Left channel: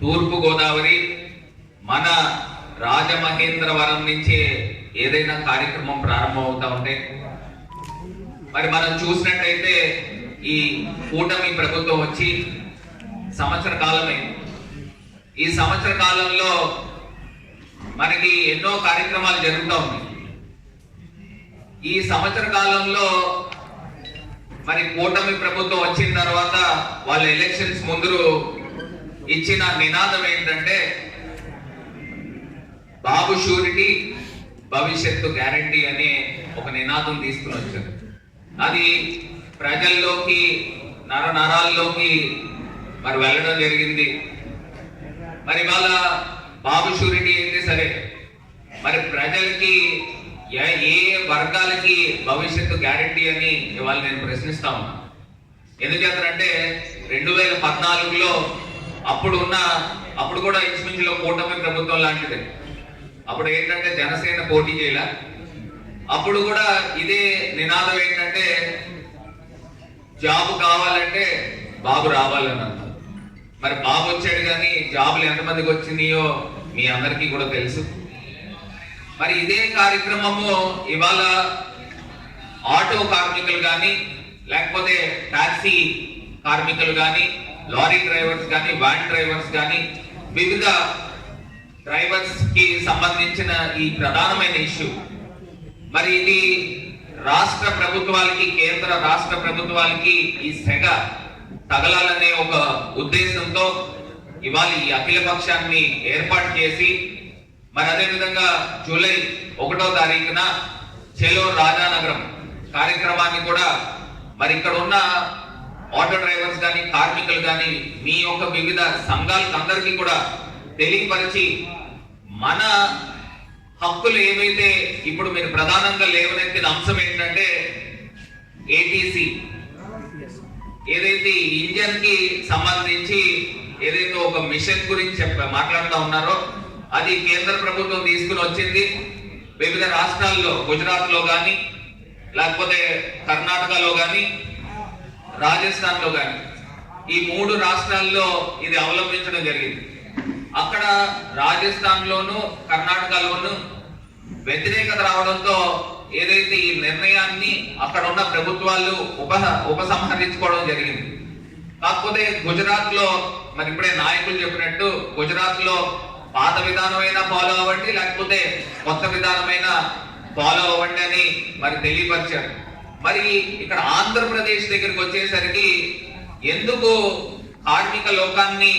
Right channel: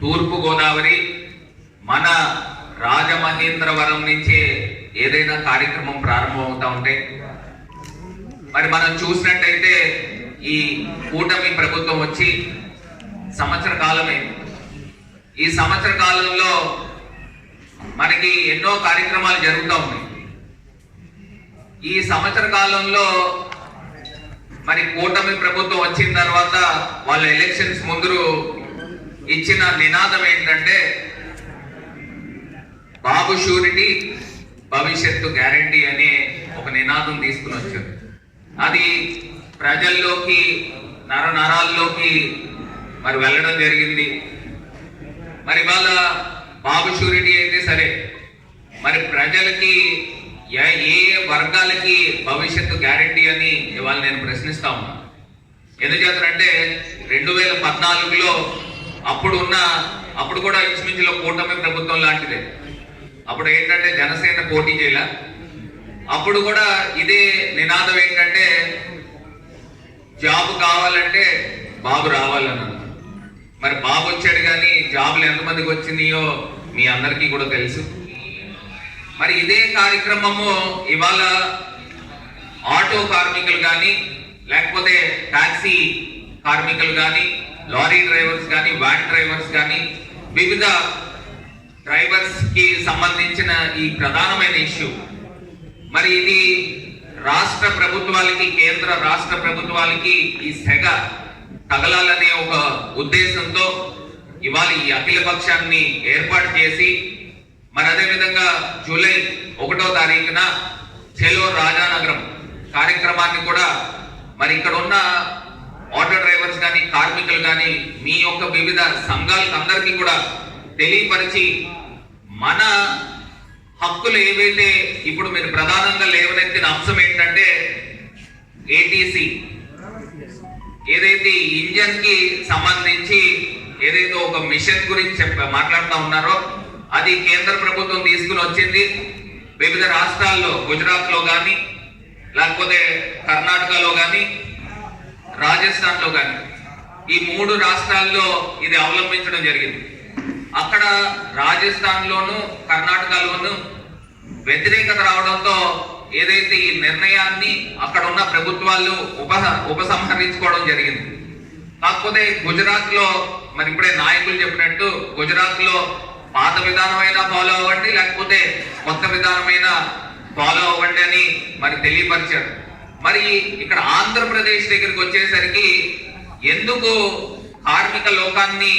తూర్పు గోదావరి మన రాజమహేంద్రవరం నుంచే ఏదైనా కార్యక్రమం ప్రారంభమవుతా ఉంటే మరి మనం చూసినట్టయితే ఈ కూటమి ప్రభుత్వం వచ్చి సంవత్సర కాలమే. ఈ సంవత్సర కాలంలో మనకి ఎన్నో కార్యక్రమాలు జరుగుతూ ఉన్నాయి. ఈ సంవత్సర కాలంలో మరి కూటమి ప్రభుత్వం వచ్చిన తర్వాత వాళ్ళ ఎలక్షన్స్ ముందు ఇచ్చిన నినాదం ఏంటంటే బాబు షూరిటీ భవిష్యత్తు గ్యారంటీ అనే ఒక నినాదం తీసుకుని వచ్చారు. అది ప్రజల్లోకి నరాల్లోకి మరి వెళ్ళడం జరిగింది. మరి వాళ్ళ బాబు షూరిటీ అయితే సరే, మరి ప్రజలకి ఏ వర్గాలకి భవిష్యత్తు గ్యారంటీ అని ఇవాళ నేను ప్రశ్నిస్తా ఉన్నా. ఎందుచేతంటే 2014లో అప్పుడు కూడా ఇంచుమించులో కూటమి ప్రభుత్వం లాంటిదే. అప్పుడు ఏంటంటే జనసేన పోటీ చేయాల. అప్పుడు కూడా ఇదే నినాదం ఏంటంటే జాబ్ కావాలంటే బాబు రావాలన్నారు. మరి బాబు వచ్చాడు కానీ జాబులు ఎంతమందికి వచ్చినాయో మీ అందరికీ కూడా తెలుసు. మరి ఇదే కార్యక్రమము ఇవాళ ఆటో కార్మికులు కానీ, లేకపోతే టాక్సీ కార్మికులు కానీ, లారీ డ్రైవర్స్ కానీ, వ్యాన్ డ్రైవర్స్ కానీ, వివిధ డ్రైవర్స్ కి సంబంధించిన ఈ ప్రధానమైన ఇష్యూ. మరి ఇది రాష్ట్ర ప్రభుత్వాలకి, కేంద్ర రాష్ట్ర ప్రభుత్వాలకి ఈ సెగ తగలాలనే ఒక ఉద్దేశంతో ఇవాళ ఈ అఖిల పక్షాన్ని ఏర్పాటు చేసి, మరి అదేవిధంగా జూలై 1వ తారీఖున చెలో రాజానగరం కార్యక్రమాన్ని కూడా మరి ఇక్కడ ఉన్న ఆటో డ్రైవర్స్ కానీ, కార్మికులు కానీ, మీ యొక్క వివిధ సంఘాలకు అందరికీ కూడా తెలియపరిచి మన హక్కులు ఏవైతే ఇప్పుడు మీరు ప్రధానంగా లేవనెత్తిన అంశం ఏంటంటే ఏటీసీ, ఏదైతే ఇంజన్ కి సంబంధించి ఏదైతే ఒక మిషన్ గురించి మాట్లాడుతూ ఉన్నారో అది కేంద్ర ప్రభుత్వం తీసుకుని వచ్చింది. వివిధ రాష్ట్రాల్లో, గుజరాత్ లో కానీ, లేకపోతే కర్ణాటకలో కానీ, రాజస్థాన్ లో కానీ, ఈ 3 రాష్ట్రాల్లో ఇది అవలంబించడం జరిగింది. అక్కడ రాజస్థాన్ లోను, కర్ణాటకలోను వ్యతిరేకత రావడంతో ఏదైతే ఈ నిర్ణయాన్ని అక్కడ ఉన్న ప్రభుత్వాలు ఉపసంహరించుకోవడం జరిగింది. కాకపోతే గుజరాత్ లో మరి ఇప్పుడే నాయకులు చెప్పినట్టు గుజరాత్ లో పాత విధానమైనా ఫాలో అవ్వండి, లేకపోతే కొత్త విధానమైన ఫాలో అవ్వండి అని మరి తెలియపరిచారు. మరి ఇక్కడ ఆంధ్రప్రదేశ్ దగ్గరికి వచ్చేసరికి ఎందుకు కార్మిక లోకాన్ని